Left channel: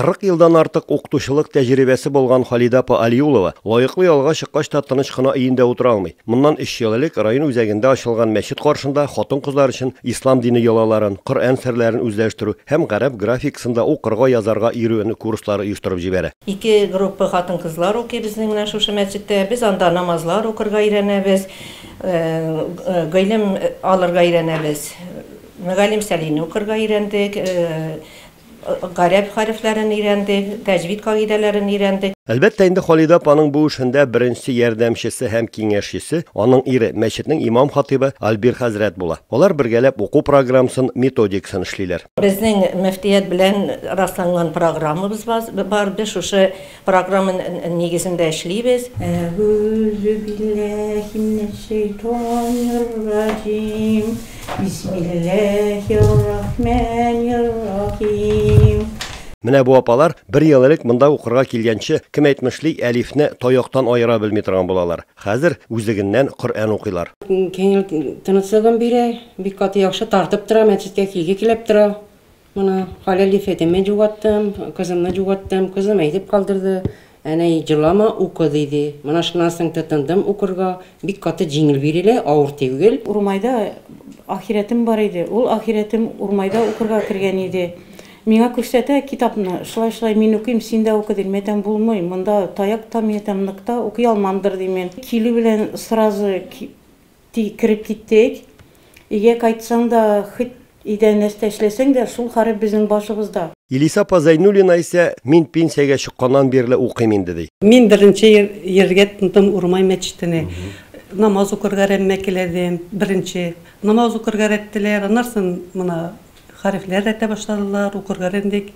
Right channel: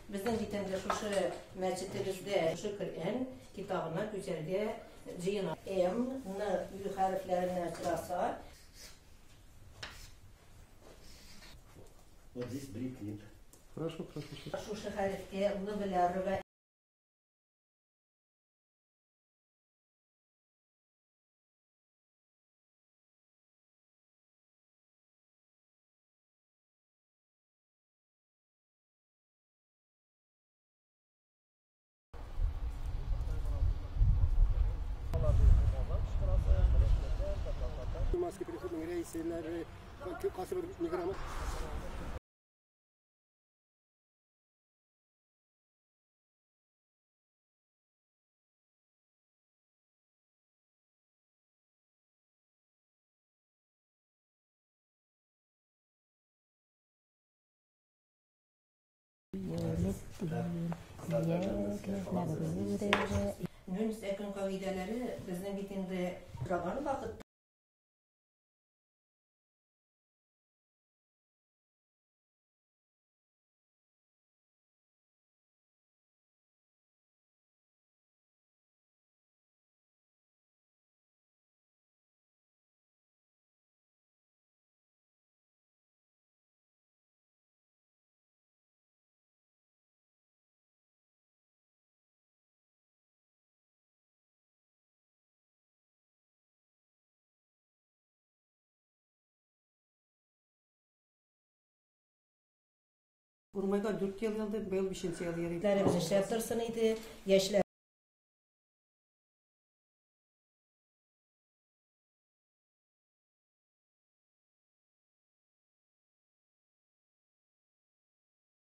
40 yıldan artık okutuşuluk tecrübesi bolgan Halida apa Aliulova layıklı yolga çıkkaç tatыныç kına iyinde otura almay. Bundan 3 yıllık rayon üzerinde açılgan meşit karşında xotin kızlar için İslam dini yolaların, Kur'an serlerini üzleştürü hem garip grafiksinde okurga yazarga iyirüğünü kursları uyuşturup jibere. İki grup xotin kızlar okuyor bizning bilan şu mescitte. Biz anda namazlar okurga öğrenemiz, gaylim alırga öğrenemiz. Megalim selini okurga öğrendik. Garip harflerini öğrendik, tecvid kaidelerini öğrendik. Elbette indi Halida apanın bu işinde birinci yardımcısı hem kengeşçisi, onun iri meşitinin imam hatibi Albir Hazret bula. Onlar birgelep oku programsın metodikasını işleyler. Bizning müftiyet bilen rastlangan programımız var. Biz şu programın negizinde işleybiz. Euzubillahimineşşeytanirracim. Bismillahirrahmanirrahim. Mine bu apalar bir yıllık mında okurga kelgençi kim etmişlik elifni toyoktan ayıra bilmey turgan bolalar. Hazır üzüginden Kur'an okuylar. Keyin tanıtsagam biri bir katı yaxşı tartıp tura, mescitke kilge kelep tura. Mana halal ifetime jugattım, kızımna jugattım, kızım eğitip kaldırdı. Ana jılama oku dedi. Mana şundan soň tutundum okurga, bir katı jingil birile, ağır tegil. Urmayda ahiretim var idi. Ol ahiretim Urmayda okurga kirgen idi. Миңа күрсәтә китапны, шулай мин укыйм, син дә укы дим. Мәтәм булмый, монда таяк там ятам ныкта, укый алмамдыр дим мен. Килү белән сразу кирип киттек. Игә кайтсаң да, хит идән нәрсә эшләсәң дә, шул харап безнең башыбызда. Илиса Зайнуллина ise min pensiyaga çıqqandan beri укыйм инде ди. Мен беренче ергә тындым Урмай мәчетенә. Намаз укырга рәммәкеләдем, беренче. Намаз укырга рәттеләр, аннан мына harfler ete başladılar, okurga öğrendik.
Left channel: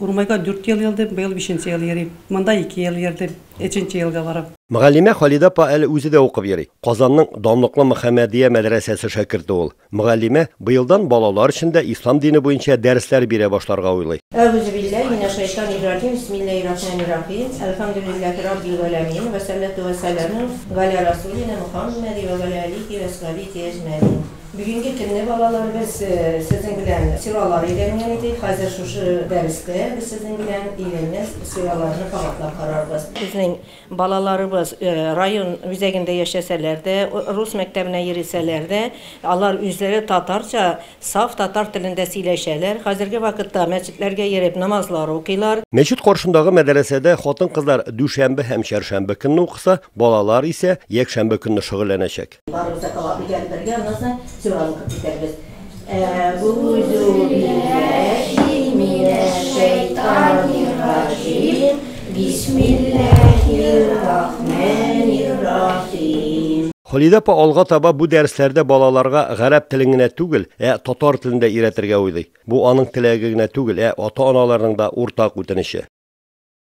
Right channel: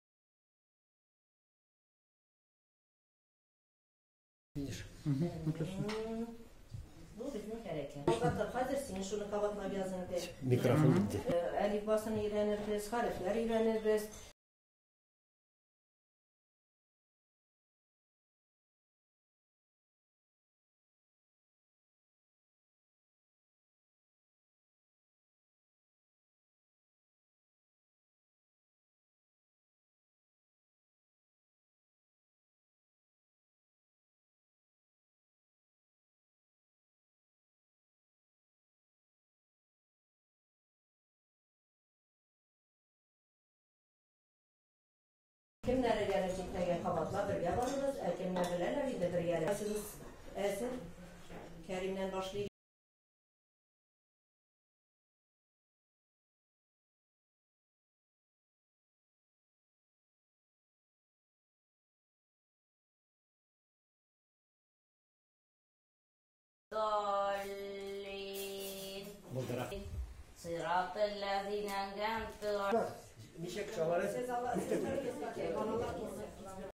Urmayga 4 yıl geldim, bu yıl 5. yıl yerim. Manda 2 yıl yerdim, 3. yılga varım. Mügallime Halida apa el özü de okup yeri. Kazanның Damlıklı Muhammediye medresesi şakirti ol. Mügallime bu yıldan balalar içinde İslam dini boyunca dersler bire başlarga uylay. Euzubillahimineşşeytanirracim. Bismillahirrahmanirrahim. Elhamdülillahi rabbil alamin ve salatu ve selamu ala rasulina Muhammed ve ala alihi ve sahbihi ecmaîn. Bugünkü günde balalar biz sizin bilen sıraları öğrengen edik. Hazır şu derste biz sizin bilen öğrenmez sıralarını kavatlap kararız. Bizim balalarımız rayon üzerinde yaşasalar da, Rus mektebine yeriseler de, onlar üzeri Tatarca, saf Tatar dilinde söyleşerler. Hazırki vakitte mescitlerge yerip namazları okuylar. Meşit karşındağı medresede xotin kızlar düşembe hem şerşembe günü okusa, balalar ise yekşembe günü şugullanacak. Sura'nı kapatırız. Euzubillahimineşşeytanirracim. Bismillahirrahmanirrahim. Halida apa alga taba bu derslerde balalarga garip tilingine tugil, Tatar tilinde öğretirge uydu. Bu anın tilegine tugil, ata-analarının da ortak ötenişi.